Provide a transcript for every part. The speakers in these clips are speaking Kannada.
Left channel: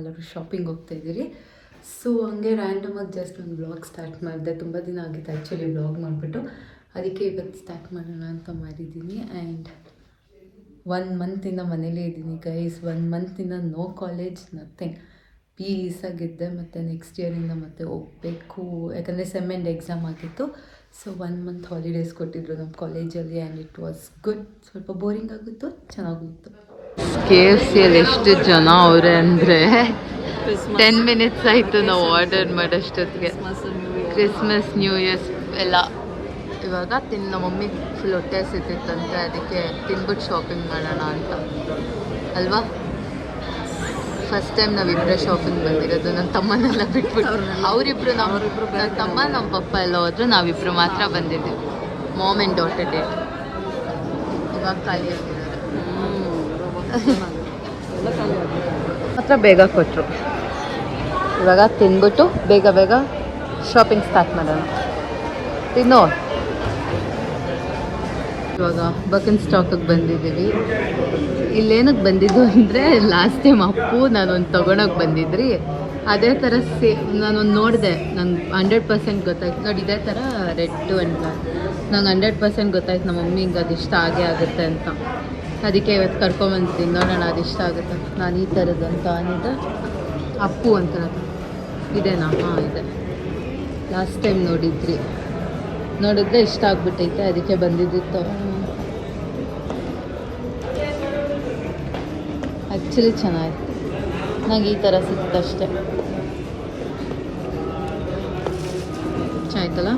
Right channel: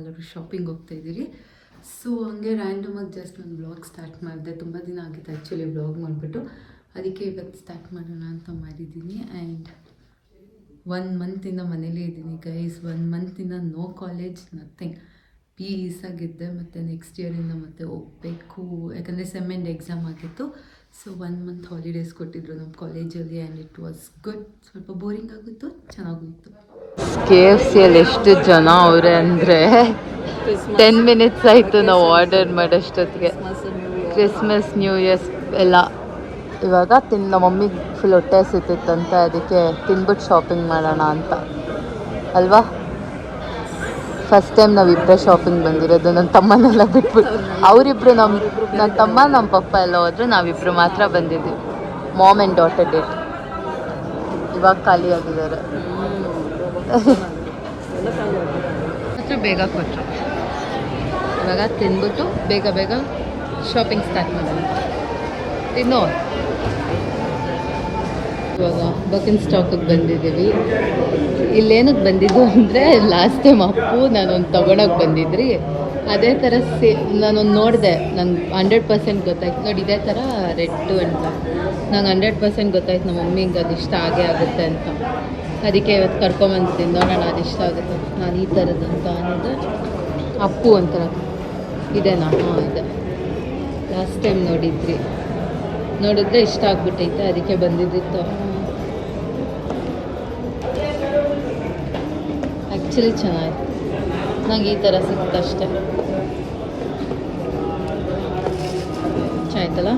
ಎಲ್ಲರೂ ಶಾಪಿಂಗ್ ಹೋಗ್ತಾ ಇದ್ದೀರಿ. ಸೊ ಹಂಗೆ ರ್ಯಾಂಡಮಾಗಿ ಜಸ್ಟ್ ಒಂದು ವ್ಲಾಗ್ ಸ್ಟಾರ್ಟ್ ಮಾಡಿದೆ. ತುಂಬ ದಿನ ಆಗಿತ್ತು ಆ್ಯಕ್ಚುಲಿ ವ್ಲಾಗ್ ಮಾಡಿಬಿಟ್ಟು, ಅದಕ್ಕೆ ಇವತ್ತು ಸ್ಟಾರ್ಟ್ ಮಾಡೋಣ ಅಂತ ಮಾಡಿದ್ದೀನಿ. ಆ್ಯಂಡ್ 1 ಮಂತಿಂದ ಮನೇಲೇ ಇದ್ದೀನಿ ಗೈಸ್. 1 ಮಂತಿಂದ ನೋ ಕಾಲೇಜ್, ನಥಿಂಗ್. ಪೀಸಾಗಿದ್ದೆ. ಮತ್ತು ನೆಕ್ಸ್ಟ್ ಇಯರಿಂದ ಮತ್ತೆ ಹೋಗಬೇಕು, ಯಾಕಂದರೆ ಸೆಮ್ ಎಂಡ್ ಎಕ್ಸಾಮ್ ಆಗಿತ್ತು. ಸೊ 1 ಮಂತ್ ಹಾಲಿಡೇಸ್ ಕೊಟ್ಟಿದ್ರು ನಮ್ಮ ಕಾಲೇಜಲ್ಲಿ ಆ್ಯಂಡ್ ಇಟ್ ವಾಸ್ ಗುಡ್. ಸ್ವಲ್ಪ ಬೋರಿಂಗ್ ಆಗಿತ್ತು, ಚೆನ್ನಾಗಿತ್ತು. KFC ಅಲ್ಲಿ ಎಷ್ಟು ಜನ ಅವರೇ ಅಂದರೆ 10 ಮಿನಿಟ್ಸ್ ಆಯಿತು ನಾವು ಆರ್ಡರ್ ಮಾಡೋಷ್ಟೊತ್ತಿಗೆ. ಕ್ರಿಸ್ಮಸ್ ನ್ಯೂ ಇಯರ್ಸ್ ಎಲ್ಲ ಇವಾಗ ನಮ್ಮ ಮಮ್ಮಿಗೆ ಫುಲ್ ಹೊಟ್ಟೆ ಹಸಿತಿತ್ತಂತೆ, ಅದಕ್ಕೆ ತಿನ್ಬಿಟ್ಟು ಶಾಪಿಂಗ್ ಮಾಡೋಣ ಅಂತ ಅಲ್ವಾ. ಫಸ್ಟ್ ಟೈಮ್ ನಾವಿಬ್ಬರೇ ಶಾಪಿಂಗ್ ಬಂದಿರೋದು, ನನ್ನ ತಮ್ಮನೆಲ್ಲ ಬಿಟ್ಬಿಟ್ಟು. ಅವರಿಬ್ರು ನನ್ನ ತಮ್ಮ ನಮ್ಮ ಪಪ್ಪ ಎಲ್ಲ ಹೋದ್ರು, ನಾವಿಬ್ಬರು ಮಾತ್ರ ಬಂದಿದ್ವಿ. Ma'am and daughter date. ಇವಾಗ ಖಾಲಿಯಾಗಿದ್ದಾರೆ ಮಾತ್ರ. ಬೇಗ ಕೊಟ್ಟರು. ಇವಾಗ ತಿಂದ್ಬಿಟ್ಟು ಬೇಗ ಬೇಗ ಶಾಪಿಂಗ್ ಸ್ಟಾರ್ಟ್ ಮಾಡೋಣ. ತಿನ್ನು. ಇವಾಗ ಬಕಿನ್ ಸ್ಟಾಕಿಗೆ ಬಂದಿದ್ದೀವಿ. ಇಲ್ಲೇನಕ್ಕೆ ಬಂದಿದ್ದು ಅಂದರೆ ಲಾಸ್ಟ್ ಟೈಮ್ ಅಪ್ಪು ನಾನೊಂದು ತೊಗೊಳಕ್ಕೆ ಬಂದಿದ್ರಿ. ಅದೇ ಥರ ನಾನೊಂದು ನೋಡಿದೆ, ನಂಗೆ 100% ಗೊತ್ತಾಯ್ತು. ನೋಡಿ ಇದೇ ಥರ ರೆಡ್ಡು ಆ್ಯಂಡ್ ಬ್ಲ್ಯಾಕ್. ನಂಗೆ 100% ಗೊತ್ತಾಯ್ತು ನಮ್ಮ ಮಮ್ಮಿಗೆ ಅದು ಇಷ್ಟ ಆಗೇ ಆಗುತ್ತೆ ಅಂತ. ಅದಕ್ಕೆ ಇವತ್ತು ಕರ್ಕೊಂಬಂದಿದ್ದೀನಿ, ನೋಡೋಣ ಅದು ಇಷ್ಟ ಆಗುತ್ತೆ. ನಾನು ಈ ಥರದಂತ ಅಂದಿದ್ದೆ. ಅಪ್ಪು ಒಂಥರ ಇದೇನಾ? ಹಾಂ ಇದೆ. ಲಾಸ್ಟ್ ಟೈಮ್ ನೋಡಿದ್ರೆ ಇಷ್ಟ ಆಗ್ಬಿಟ್ಟೈತೆ, ಅದಕ್ಕೆ ಬಂದಿದ್ದಿತ್ತು. ಆ್ಯಕ್ಚುಲಿ ಚೆನ್ನಾಗಿತ್ತು. ನಂಗೆ ಈ ಥರ ಸಿಕ್ತಷ್ಟೆ. ಚೆನ್ನಾಯ್ತಲ್ಲ.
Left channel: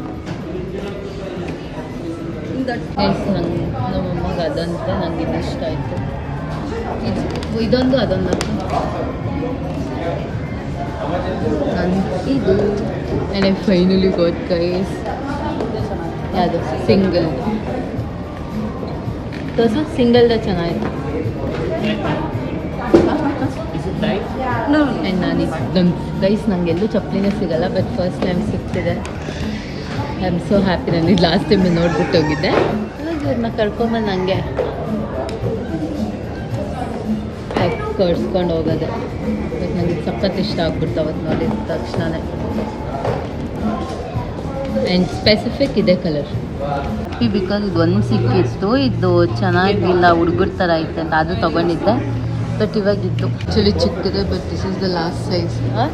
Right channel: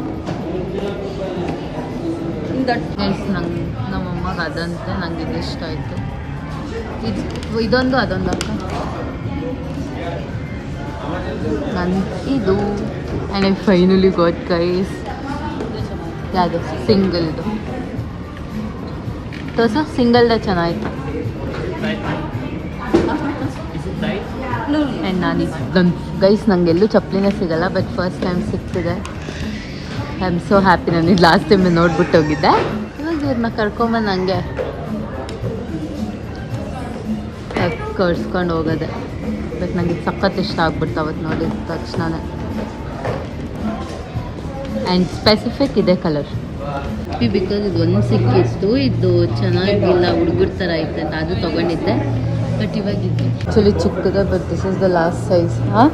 ನಮ್ಮಮ್ಮಗೆ ಅದಂತೆ, ನಂಗೆ ಇದು ಇಷ್ಟ ಆಯಿತು. ಇದೊಂದು ಅದೊಂದು ಅಂತ ಇದು. And I finally got guys ಯಾವುದು ಸಿಂಗಲ್ ತೋರ್ಸ. ಸಿಂಗಲ್ದ ಚೆನ್ನಾಗಿತ್ತು. ಆ್ಯಂಡ್ ನನ್ನ ಗೈಸ್ ನನಗೆಲ್ಲೂ ಚಪ್ಪಲಿನೇ ಸಿಗಲ್ಲ, ಬಟ್ ಫಸ್ಟ್ ಟೈಮ್ ಸಿಗ್ತಿದೆ. I am so happy. ನಾನು ಇದು ಲಾಸ್ಟ್ ಟೈಮ್ ನೋಡ್ಬಿಟ್ಟು ಹೋಗಿದ್ದೆ. ಇವಾಗ ಇವ್ರನ್ನ ಕರ್ಕೊಂಬಂದು ನನಗೆ ಕರ್ಸ್ಕೊಂಡು ಹೋಗೋದೆ. ಬಟ್ ನನಗೆ ಇದು ಸಖತ್ ಇಷ್ಟ ಆಗ್ಬಿಡ್ತು ಅವತ್ತು ನೋಡಿದ ತಕ್ಷಣವೇ. ಆ್ಯಂಡ್ ಸ್ಪೆಸಿಫಿಕ್ ಇದೆ ಕಲರ್. ಬಿಕಾಸ್ ಇದು ಒಂದು ಸಿಕ್ಕಿತ್ತು, ಇದು ಚೆನ್ನಾಗಿಲ್ಲ, ಹುಡುಗರ ಥರ ಐತೆ ಅಂತ ಅದು ತೊಗೊಂಡಿದ್ದೆ. ಬಟ್ ಇವಾಗಿತ್ತು ಆ್ಯಕ್ಚುಲಿ ಚಿಕ್ಕದೆ, but this is the last size. ಹಾಂ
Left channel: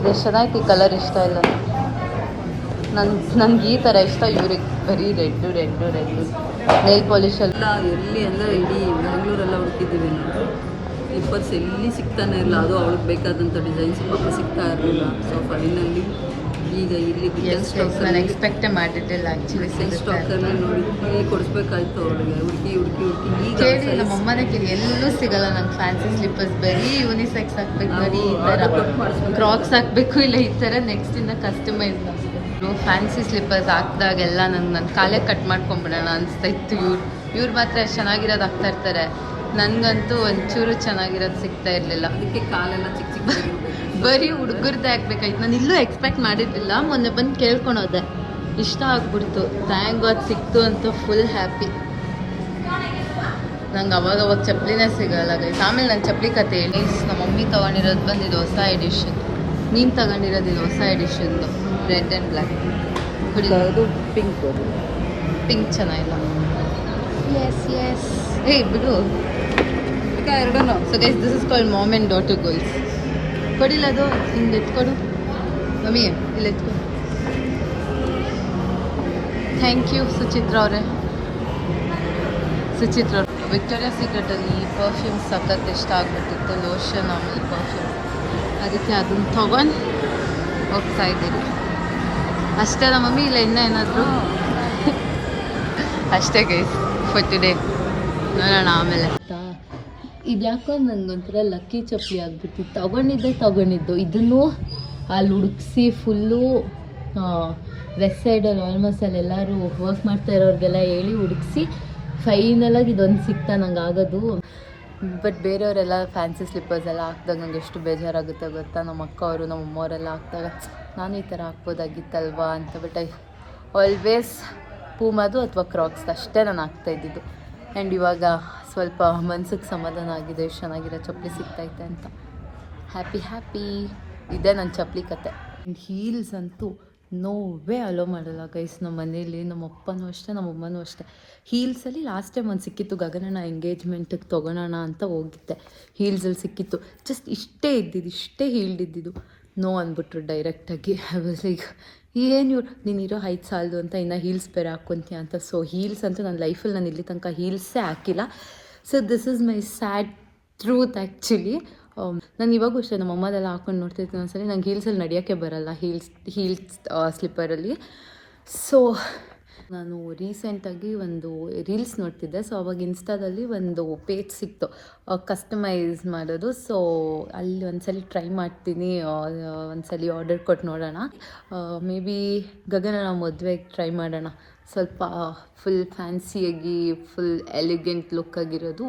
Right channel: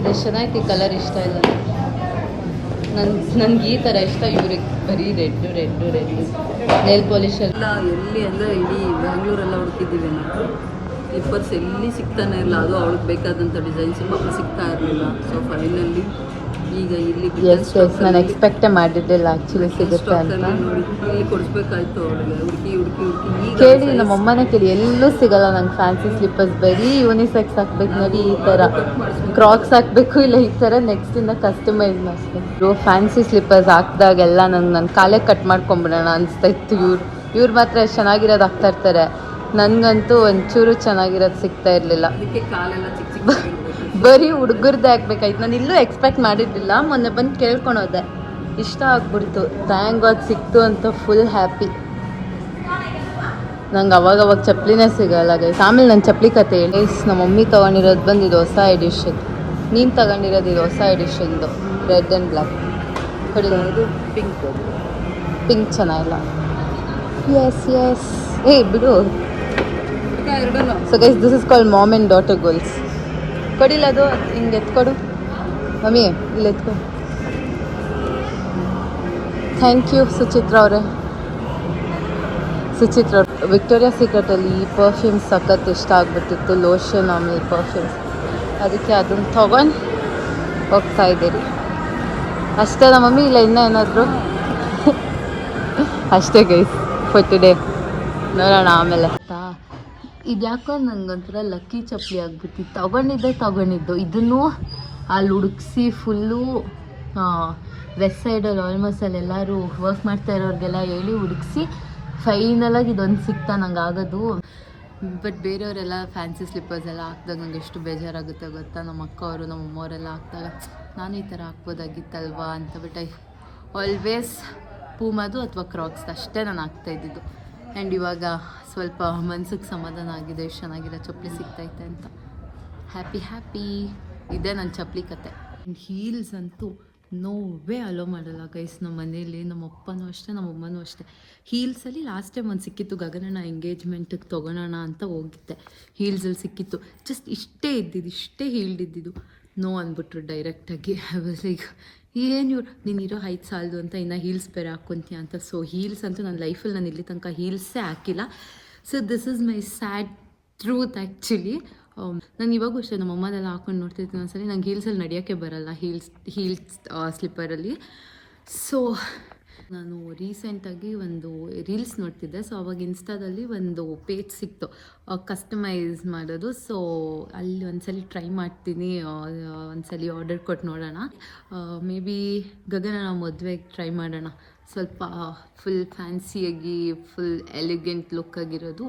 ಇದು ಚೆನ್ನಾಗಿತ್ತು. ಈ ಕಲರ್ ಇಷ್ಟ ಇಲ್ಲ ನನಗೆ ಈ ಥರ ಇಷ್ಟ. ಇವ್ರಿಗೆ ಬರೀ ರೆಡ್ಡು ನೇಲ್ ಪಾಲಿಷಲ್ಲ. ಎಲ್ಲಿ ಅಂದರೆ ಇಡೀ ಬ್ಯಾಂಗ್ಳೂರೆಲ್ಲ ಹುಡುಕಿದ್ದೀವಿ ನಾವು. ಸ್ಲಿಪ್ಪರ್ಸ್ ಎಲ್ಲಿ ಸಿಗ್ತಾನೆ ಇಲ್ಲ. ಅದು ಅವಳಿಗೆ ಬೇಕಾದಂಥ ಡಿಸೈನ್ಸ್ ಪಾಪ ಸಿಗ್ತಾ ಇರಲಿಲ್ಲ. ಸೊ ಫೈನಲಿ ಈಗ ಇಲ್ಲಿ ನಾನು ಎಕ್ಸ್ಪೆಕ್ಟೇ ಮಾಡಿದ್ದಿಲ್ಲ ಆ್ಯಕ್ಚುಲಿ ಸಿಗುತ್ತೆ ಅಂತ. ನೋಡಿ ಇಲ್ಲಿ ಕೊಡಿಸ್ಬೇಕಾಯ್ತು ಅವಳಿಗೆ. ಹುಡುಕಿ ಈಗ ಕೇಳಿ ನಮ್ಮ ಅಮ್ಮನೇ ಕೇಳಿ, ಎಲ್ಲೂ ಸಿಗಲ್ಲ ನಂಗೆ ಫ್ಯಾನ್ಸಿ ಸ್ಲಿಪ್ಪರ್ಸ್. ಬರೀ ಯೂನಿಸೆಕ್ಸ್ ಹಾಕ್ಬೇಕು ನೋಡಿ, ಈ ಥರ ಕ್ರಾಕ್ಸ್ ಹಾಕಬೇಕು, ಇಲ್ಲ ಈ ಥರ ನೆಕ್ಸ್ಟಿಂದ ಕಸ್ಟಮೈಸ್ ಮಾಡಿಸ್ಬೇಕು. ಫ್ಯಾನ್ಸಿ ಸ್ಲಿಪ್ಪರ್ಸ್ ಹಾಕಿದಾಗೆಲ್ಲ ನನ್ನ ಕಾಲೇ ಕಟ್ ಮಾಡ್ಕೊಂಬಿಡೋಣ ಅನಿಸ್ತಾ ಇತ್ತು. ಇವ್ರು ಮಾತ್ರ ಎಷ್ಟು ಚೆನ್ನಾಗಿರೋದು ಹಾಕ್ತಾ ಇರ್ತಾರೆ. ನನಗಂತೂ ಒಂಚೂರು ಚೆನ್ನಾಗಿರೋದು ಸಿಗ್ತಾ ಇರಲಿಲ್ಲ. ಅದಕ್ಕೆ ಕಾಲೆಲ್ಲ ಚಿಕ್ಕ ಬರೀ ಹುಡುಗರ್ದೇ ಹಾಕ್ಬೇಕಾಯ್ತು. ನಾನು ಇಲ್ಲೂ ಎಕ್ಸ್ಪೆಕ್ಟ್ ಮಾಡಿದ್ದಿಲ್ಲ. ಮೊನ್ನೆ ಬಂದು ಕೇಳ್ಕೊಳೋದೆ, ಇಷ್ಟ ಆಗ್ಬಿಡ್ತು. ಥ್ಯಾಂಕ್ ಗಾಡ್ ಸಿಕ್ತು ಅಂತ ಫುಲ್ ಹ್ಯಾಪಿ. ನಂಗೆ ಅವಾಗ ಚಪ್ಪಲಿನೇ ಸಿಗಲ್ಲ ಗೈಸ್. ಆಮೇಲೆ ನನ್ನ ಚಪ್ಪಲಿ ಕತೆ ಹೇಳಿ. ನಮ್ಮ ಮಮ್ಮಿ ತೊಗೊಂಡಿರೋದು ಬಂದು ಇದು ಹೊಸ ಎಡಿಷನ್. ನೀನು ತಗೊಂಡಿರೋದು ಇದು ಹೊಸ ಎಡಿಷನ್ದು, ರೆಡ್ ಆ್ಯಂಡ್ ಬ್ಲ್ಯಾಕ್. ಇದು ಪಿಂಕ್ ಚೆನ್ನಾಗಿಲ್ಲ. ಎಸ್ ಏ ಬಿಡು. ಎರಡೂ so guys this is called mom and daughter goals. ಕೊಡಿಲ್ಲ ಅದು ಹಿಂಗೆ ಎತ್ಕೊಡು ಮಮ್ಮಿ, ಇಲ್ಲಿ ಎತ್ಕೊಡು. ಥ್ಯಾಂಕ್ ಯು ಸುಚಿತ್ರ ಅವರೇ. ಸುಚಿತ್ರ ವಿಕ್ಟೋರಿಯಾ ಸೀಕ್ರೆಟಲ್ಲಿ ಈ ಪರ್ಫ್ಯೂಮ್ಸ್ ಸಖತ್ ಇಷ್ಟ ಆಗ್ಬಿಟ್ಟಿತ್ತು, ಲೋಷನ್ ಆಮೇಲೆ ಪರ್ಫ್ಯೂಮ್ಸ್. ಅದಕ್ಕೆ ಅದನ್ನು ತೊಗೊಂಡು ಹೋಗ್ತಾ ಇದ್ದೀರಿ. ಅಷ್ಟೇ ನಮ್ಮ ಮಮ್ಮಿ, ಇಲ್ಲ ಇನ್ನೂ ಏನಾದರೂ? ಅಷ್ಟೇ ಗೈಸ್ ಫಾರ್ ಟುಡೇ. ನೋಡೋಣ ಆಮೇಲೆ. ಇದು ಯಾಕೋ ನನಗೊಂಥರ ಲಕ್ಕಿ ಚಪ್ಪಲಿ ಆಗ್ಬಿಟ್ಟಿತ್ತು. ತೊಗೊಂಡಿದ್ದು ಇದನ್ನು ಅಲ್ಲಿ ಹುಡುಕ್ಸಿ ಫುಲ್ಲು ವೆಸ್ಟ್ ಸೈಡಲ್ಲಿ ಆಲ್ಮೋಸ್ಟ್ ಅಲ್ಲಿ ಎಲ್ಲರೂ ವರ್ಕ್ ಮಾಡ್ತಾ ಇರೋರಿಗೆಲ್ಲ ಹೇಳಿ ಹುಡುಕ್ಸಿ ಫೈನಲಾಗಿ ಇದೊಂದು ಸಿಗ್ತಾ ನಂಗೆ ಆಗೋದು. ಬಟ್ ಬೇರೆಯವರೆಲ್ಲ ಫ್ಯಾನ್ಸಿ ಸ್ಲಿಪ್ಪರ್ಸ್ ಎಲ್ಲ ಹಾಕ್ದಾಗ ನಂಗೆ ಎಷ್ಟು ಬೇಜಾರಾಗುತ್ತೆ ಗೊತ್ತಾ. ನಮ್ಮ ಅಕ್ಕ ಅವರು ನಮ್ಮ ಅಮ್ಮವರೆಲ್ಲ ಹಾಕ್ದಾಗ ನಾನು ಈ ಥರ ಹಾಕ್ಬೋದಾಗಿತ್ತಲ್ವಾ ಅಂತ. ಬಟ್ ಐ ಆಲ್ವೇಸ್ ಪೂಮಾದು ಅಥವಾ ಕ್ರಾಕ್ಸ್ ಅಷ್ಟೇ ನಾನು ಹಾಕ್ತಾಯಿದ್ದಿದ್ದು. ಆ್ಯಂಡ್ ಇವಾಗ ಸ್ವಲ್ಪ ಮನ್ಸಿಗೆ ಸಮಾಧಾನ ಆಗಿದೆ, ಎಷ್ಟು ಚೆನ್ನಾಗಿರೋ ಚಪ್ಪಲಿ ಸಿಗ್ತೈತೆ ಅಂತ. ಹ್ಯಾಪಿ ಇದೇ ನನ್ನ ಚಪ್ಪಲಿ ಕತೆ. ಹೀಲ್ಸ್ ಅಂತೂ ನೋವೇ ಅಲೋ ಮಾಡಲ್ಲ ಗೈಸ್. ನಮ್ಮ ಮನೇಲಿ ನಮ್ಮ ಅಪ್ಪನೂ ಅಷ್ಟೇ, ನಮ್ಮ ಅಮ್ಮನೂ ಅಷ್ಟೇ. ಹೀಲ್ಸಲ್ಲಿ ಲಾಸ್ಟ್ ಟೈಮ್ ಒಂದು ಸಿಕ್ಕಿತ್ತು, ಗಗನನ ಎಂಗೇಜ್ಮೆಂಟಿಗೆ ತೊಗೊಳೋಣ ಅಂತ ಹೋಗಿದ್ದೆ. ಹೀಲ್ಸಲ್ಲಿ ಸಿಕ್ಕಿತ್ತು, ಜಸ್ಟ್ ಇಷ್ಟೇ ಹೀಲ್ಡಿದ್ದು. ನೋ ಅಂದ್ಬಿಟ್ರು ಡೈರೆಕ್ಟಾಗಿ. ಈಗ ಏನು ನೀನಿರೋ ಹೈಟ್ ಸಾಲದು ಅಂತ ಇನ್ನು ಹೀಲ್ಸ್ ಬೇರೆ ಹಾಕ್ಕೊತೀಯ ಅಂತ. ಸೊ ಹೀಲ್ಸ್ ಅಂತೂ ನನ್ನ ಲೈಫಲ್ಲಿ ನಾನು ಇಲ್ಲಿ ತನಕ ಹೀಲ್ಸೇ ಹಾಕಿಲ್ಲ. So this is my sad truth actually. ನಾನು ಇವಾಗೂ ಅಷ್ಟೇ ನಮ್ಮ ಅಮ್ಮದೆಲ್ಲ ಹಾಕೊಂಡು ನೋಡ್ತಿರ್ತೀನಿ ಒಂದ್ಸಲಿ. ನಂಗೆ ಹೀಲ್ಸಲ್ಲಿ ನಡೆಯೋಕ್ಕೆ ಬರೋಲ್ಲ, ಹೀಲ್ಸ್ ಸ್ಲಿಪ್ಪರಲ್ಲಿ. ಸೊ ನಾನು ರೀಸೆಂಟಾಗಿ ಒಂದು ರೀಲ್ಸ್ ನೋಡ್ತಿದ್ದೆ. ಸೊ ಅವಾಗ ಇನ್ಸ್ಟಾದಲ್ಲಿ ಒಂದು ಪೇಜ್ ಸಿಕ್ತು ಕಸ್ಟಮೈಸ್ ಮಾಡೋದು. ಸೊ ಅಲ್ಲಿ ಒಂದ್ಸಲಿ ಟ್ರೈ ಮಾಡ್ತೀನಿ, ಒಂದ್ಸಲಿ ಆರ್ಡರ್ ಕೊಟ್ಟು ನೋಡೋಣ. ಮೇ ಬಿ ಗಗನ ಮದುವೆಗೆ ಟ್ರೈ ಮಾಡೋಣ. ಸ್ವಲ್ಪ ಫುಲ್ ಫ್ಯಾನ್ಸಿಯಾಗಿ ಫುಲ್ ಎಲಿಗೆಂಟ್ ಲುಕ್ಕಾಗಿರೋದು